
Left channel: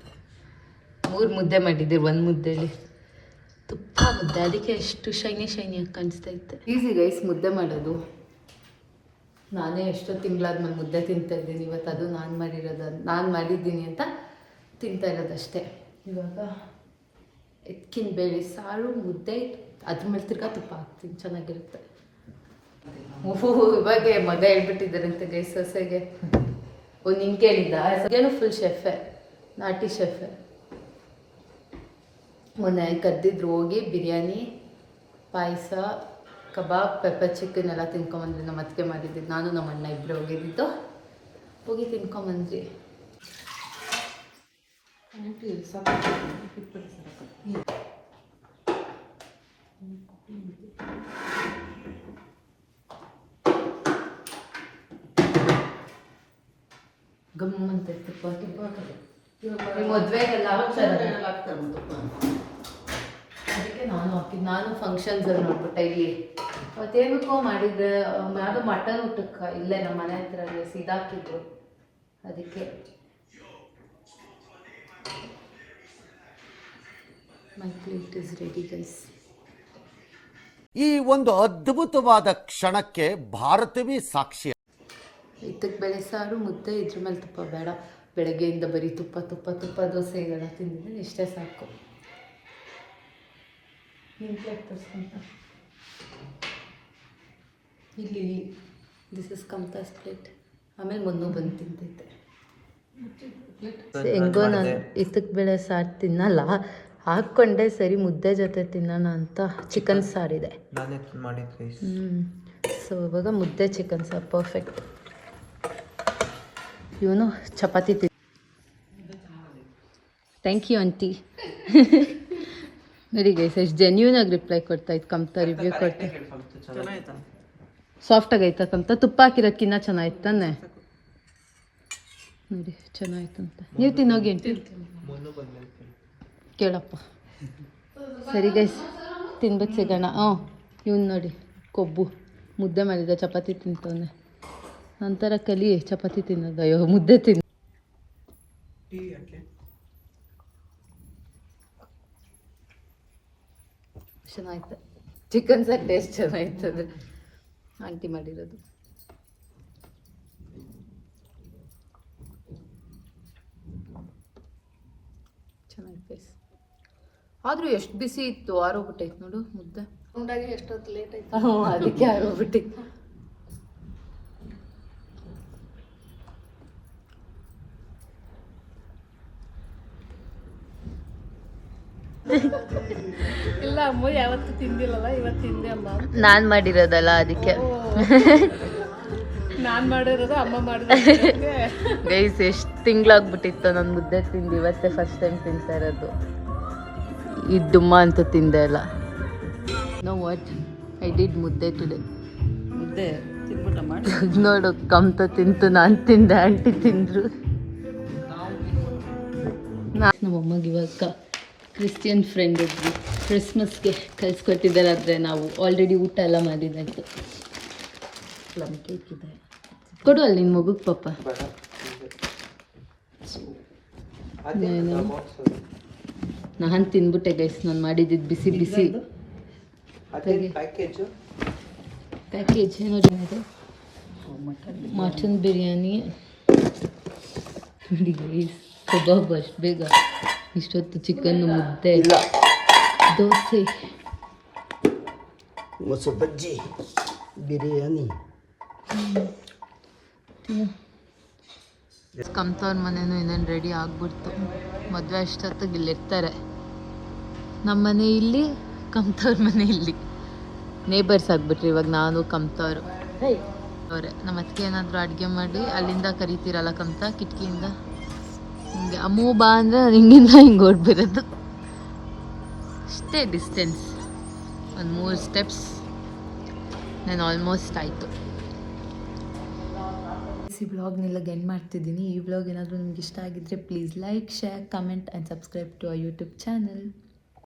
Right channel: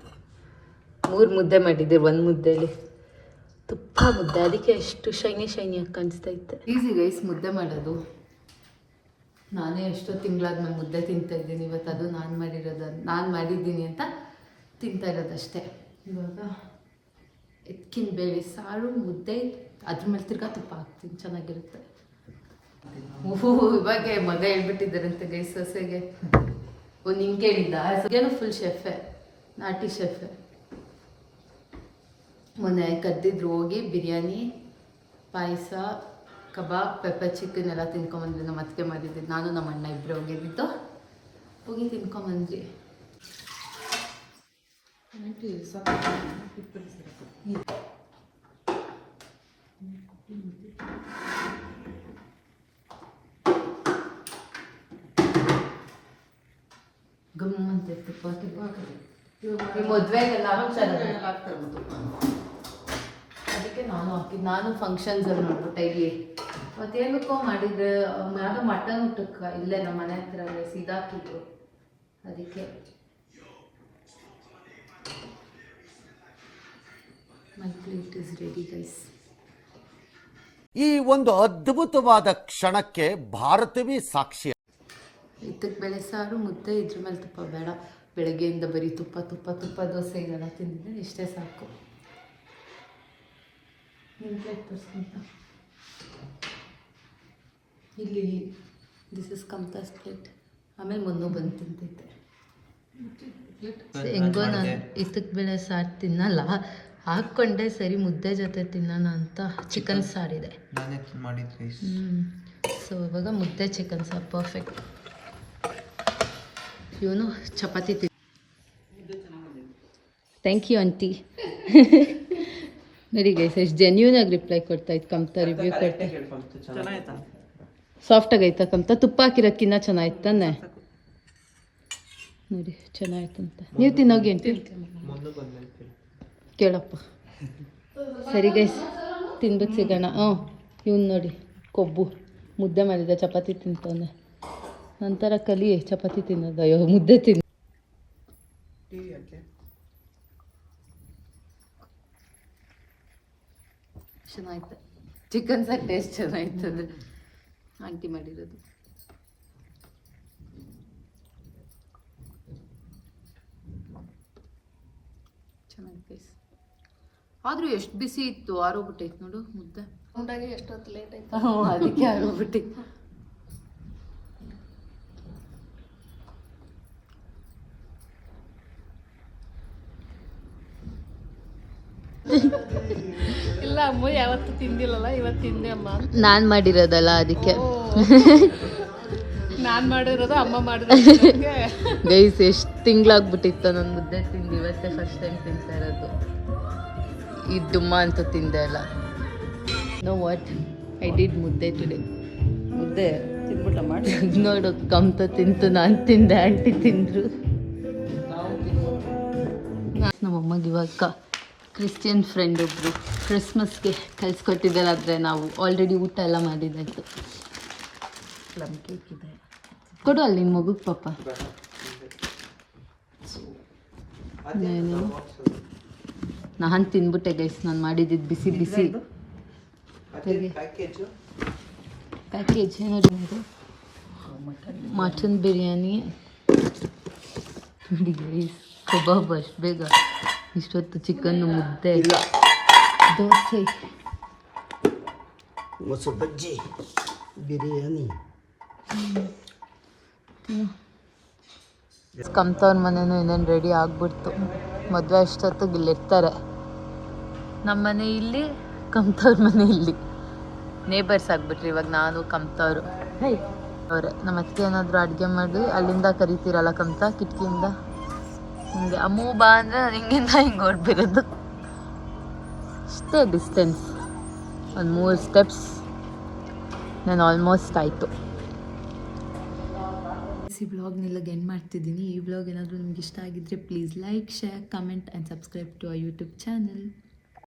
3 ಮುದ್ದೆ ಮಾಡಿದ್ದೆ 1 ಮುದ್ದೆಲಿ ತುಪ್ಪ ಮುದ್ದೆ ಅದಕ್ಕೆ ಎಷ್ಟು ಶೈನಿ ಶೈನಿಯಾಗಿ ಕಾಣಿಸ್ತೈತೆ ಈಸಿ ಗೈಸ್ ಮುದ್ದೆ ಮಾಡೋದು ನಾನೇ ಎಷ್ಟೋ ತಿಂಗಳಾದ್ಮೇಲೆ ಮುದ್ದೆ ತಿಂತಾ ಇದ್ದೀನಿ ಇವತ್ತು ಅದು ನಾನು ಮಾಡಿದ್ದೀನಿ ಅಂತ ತಿಂತಾ ಇರೋದಷ್ಟೇ ಇವಾಗ ಎಕ್ಕಿನ ಬೇಳೆ ಸಾರು ಮುದ್ದೆ ಅದ್ರ ಮೇಲೆ ತಿರ್ಗಾ ತುಪ್ಪ ಹಾಕ್ತೀನಿ ಚೆನ್ನಾಗಿರುತ್ತೆ ಓಹೋ ಇವಾಗೆ ಮಗ ಹೇಳ್ಬಿಟ್ಟಿದ್ದಾರಂತೆ ಗೈ ಸೊಸೆಗೆ ನಿಂಗೆ ಕೇಳಿದ್ದ ಸೊಸೆನೂ ಫುಲ್ ಶೆಫೆ ನಾಟಿ ಶೆಫೆ ಮೊನ್ನೆ ಕರೆದಿದ್ರು ಹೋಗಿ ಬಿರಿಯಾನಿ ಪಾಯಸ ಕಬಾಬ್ ಪೆಪ್ಪರ್ ಚಿಕನ್ ಎಲ್ಲ ತಿನ್ಕೊಂಬಂದ್ವಿ ನಮ್ಮ ಅತ್ತಿಗೆ ಮಾಡಿದ್ದೆ ನಾನು ನಮ್ಮ ಅಣ್ಣ ಇಬ್ಬರು ಹೋಗಿದ್ದು ಹೋಗಿ ತಿನ್ಕೊಂಬಂದ್ವಿ ಗಮ್ಮಂತ ತುಪ್ಪ ತುಪ್ಪ ಮದುವೆಗೆಲ್ಲ ಅದಕ್ಕೆ ನಾನು ಹಾಕಿದ್ದು ನಾನು ಫಂಕ್ಷನ್ಸಲ್ಲಿ ನೋಡ್ಬಿಟ್ಟೆ ಇಲ್ಲಿ ಅವತ್ತೇನಕ್ಕೋ ಮಾಡಿದ್ರೆ ಯಾವುದೋ ಮಟನ್ ಊಟಕ್ಕೆ ಇಲ್ಲೇ ನಮ್ಮ ಮನೆ ಹತ್ರ ಸಿದಾಕಿದ್ರು ಅದಕ್ಕೆ ಮೈ ಪ್ಲೇಟ್ ಇಸ್ ರೆಡಿ ಗೈಸ್ ಈ ಒಂದು ಅದ್ಭುತವಾದ ಕ್ಷಣಕ್ಕೆ ಭಾರತವೇ ಸಾಕ್ಷಿ. ಇದ್ದಕ್ಕೆ ಬೇಳೆ ಸಾರು ಮುದ್ದೆ ಇದ್ರ ಮೇಲೆ ತುಪ್ಪ ಬೇಡ ಬೆಳಗ್ಗೆಯಿಂದ ಬರೀ ತುಪ್ಪ ತುಪ್ಪ ತುಪ್ಪ ದೋಸೆ ಇದೆಲ್ಲ ತಿಂದಿದ್ರೆ ಇಷ್ಟೇ ಸಾಕು ನಿಮ್ಮ ಪ್ಲೇಟ್ ತೋರಿಸ್ಕೊಂತ ಇಲ್ಲಿ ದಿಸ್ ಇಸ್ ಕಮ್ತಾಸ್ ಪ್ಲೇಟ್ ಆಮೇಲೆ ಮೊನ್ನೆ ಬಂದು ತಿಂತೈತೆ ಹೆಂಗೋ ನಾನು ಇದ್ದಕ್ಕೆ ಬೇಳೆ ಸಾರು ತಿನ್ನಲ್ಲ ಹಾಕ್ಕೊಂಡೆ ಸರಿ ಮುದ್ದೆ ಜೊತೆ ತಿನ್ನೋಣ ಅಂತ ಚಿಕನ್ ಸಾರಿದೆ ನಾನೇ ಮಾಡಿದ್ವಿ ಸೊ ಇವಾಗ ಮುದ್ದೆ ಚಿಕನ್ ಸಾರು ಪರ್ಫೆಕ್ಟ್ ಇವನು ಚಪಾತಿ ಥ್ಯಾಂಕ್ ಯು ಆಂಟಿ ನೋಡಿ ಗೈಸ್ ಎಷ್ಟು ಜೆನ್ಯೂನ್ ಆಗಿ ರಿಪ್ಲೈ ಕೊಡ್ತಾ ಇತ್ತು ಕಮ್ತಾ ರಿವ್ಯೂ ಕೊಡ್ತಾ ಚೆನ್ನಾಯ್ತಾ? ಸಾಫ್ಟಾಗಿ ಆಯ್ತಾ ಕಮ್ತಾ ತುಪ್ಪ ಹಾಕಿರೋದ್ಕಿನ್ನ ಚೆನ್ನಾಗಿತ್ತು ತಾನೆ ನೋಡಿ ಚೆನ್ನಾಯ್ತಂತ ನೀವು ತಿನ್ನೋಗಿ ಅಂತ ಕೇಳಪ್ಪ ಸರಿ ಗೈಸ್ ತಿನ್ಬಿಟ್ಟು ಸಿಗೋಣ ಇವ್ನು ನೋಡಿ ಕೊಬ್ಬು ಮುದ್ದೆ ಮಾಡಿದ್ದೆ ಚಪಾತಿ ತಿಂತವನೆ ನಂತರ ಕಲಿ ಚಪಾತಿ ತಿನ್ನೋದು ಅಯ್ಯೋ ಮುದ್ದೆ ತಿನ್ನು ಚೆನ್ನಾಯ್ತು ಚಿಕನ್ ಸರ್ ಟೇಸ್ಟ್ ಚೆನ್ನಾಗಿರ್ತದೆ ಆಂಟಿ ಮಾಡಿರೋದು ಚೆನ್ನಾಗಿತ್ತು ಗೈಸ್ ಆದರೂ ಎಷ್ಟು ಬಿಸಿ ಇತ್ತು ಆರೋಗ್ಬಿಟ್ಟೈತೆ ನೋಡು ಮುದ್ದೆ ಉಂಡಾಗಿ ಎಷ್ಟೊತ್ತು ಲೇಟ್ ಆಯ್ತು. ಹ್ಞೂ ಅದಕ್ಕೆ ಆರೋಗ್ಬಿಟ್ಟು ಇಲ್ಲ ಅಮ್ಮ ಯಾವತ್ತು ತಿಂದಿಲ್ಲಲ್ಲ ಇವತ್ತು ತಿಂದೆ ಅಮ್ಮ. ನಾನು ಮಾಡಿರೋದಲ್ಲ ಅದಕ್ಕೆ ನಾನು ಮಾಡಿರೋದು ಅಮ್ಮ ಮಾಡಿರೋದು. ಗೈಸ್ ಎಷ್ಟು ತಿಂಗಳಾಗ್ಬಿಟ್ಟಿತ್ತು ನಾನು ಮುದ್ದೆ ತಿಂದು ಇವತ್ತೇ ಫಸ್ಟ್ ಟೈಮ್ ತಿಂತಾ ಇರೋದು ಈ ದುಮ್ಮ ಅಂತೂ ತಿಂದೆ ಇಲ್ಲ ನೋ ವಾಟ್ ಐ ಡಿಡ್ ಮುದ್ದೆ ಟುಡೇ ಮುದ್ದೆ ತಿಂದ್ಬಿಟ್ಟ ಮಾಡಿ. ನೋಡು ಕಮ್ತ ತಿಂತು ನಾನು ತಿಂದೆ ಆಂಟಿ ತಿಂದರು ನಮ್ಮಮ್ಮಗೆ ಇವಾಗ ಕ್ರಿಶ್ಚಿಯನ್ ಫ್ರೆಂಡ್ ಒಬ್ಬರು ಕ್ರಿಸ್ಮಸ್ಗೆ ಕಳಿಸ್ಕೊಟ್ಟಿದ್ದಾರೆ ಆದರೆ ನಾವು ಆಲ್ರೆಡಿ ಊಟ ಎಲ್ಲ ಮಾಡಿದ್ದಾಯಿತು ಪ್ಲಮ್ ಕೇಕ್ ಇದೆ. ಕೊಡು ಅಲ್ಲಿ ನಿನ್ನ ಮಗುಗೆ ಪಾಪ ನಾನು ತಿಂದ್ಬಿಟ್ಟೆ ಗೈಸ್ ನಾನು ಮಾಡಿದ್ದು ಬಿಸಿ ಬಿಸಿ ಪ್ಯಾಕೇಜ್ ಏನೋ ಮಟನ್ ಬಿರಿಯಾನಿ ನೋಡಿ ಗೈಸ್ ಕಬಾಬ್ ಅಷ್ಟು ಬೇಗ ಇಷ್ಟೊತ್ತು ಚಿಕನ್ನು ಮುದ್ದೆ ದೋಸೆ ಮೊಸರು ಬಜ್ಜಿ ಬಿರಿಯಾನಿ. ಕಮ್ತವ್ರ ಮನೇನು ಇನ್ನೇನು ರೆಡಿ ಆಗ್ಬಿಡ್ತು ಮದುವೆ ಅಷ್ಟೊತ್ತಿಗೆ ಇಲ್ಲಿರ್ತಾರೆ ನಮ್ಮ ಮನೆ ಇಲ್ಲಿ ಕಮ್ತವ್ರ ಮನೆ ಇಲ್ಲಿ ನೇಬರ್ಸ್ ಆಗ್ಬಿಟ್ರಿ ಇವಾಗ ನಾನು ಕಮ್ತವ್ರು ಅವರೇ ನಮ್ಮ ಅತ್ತಿಗೆ ಏನಾದರೂ ಅಡುಗೆ ಮಾಡಿ ಅಲ್ಲಿಂದ ಕರಿತೀರಲ್ಲ ಕಮ್ತ ಕಿಟಕಿಯಿಂದ ಹಿಂಗೆ ಅಮ್ಮೂ ಬಾ ಅಂದರೆ ನಾನು ಹಿಂಗಿಂದ ಹಿಂಗೆ ಓಡ್ಬಿರೋದು ಅಷ್ಟೇ ಡಿಸ್ಟೆನ್ಸ್ ಒಂದು 3 ಸ್ಟೆಪ್ಸ್ ನಾನು ಆಲ್ಮೋಸ್ಟ್ ಆಯಿತು ಈ ವ್ಲಾಗ್ನೆಲ್ಲ ಎಂಡ್ ಮಾಡ್ತಿದ್ದೀನಿ ಈ ವ್ಲಾಗ್ ಏನಾದರೂ ನಿಮ್ಗೆ ಇಷ್ಟ ಆಗಿದ್ದರೆ please like share comment and subscribe to our YouTube channel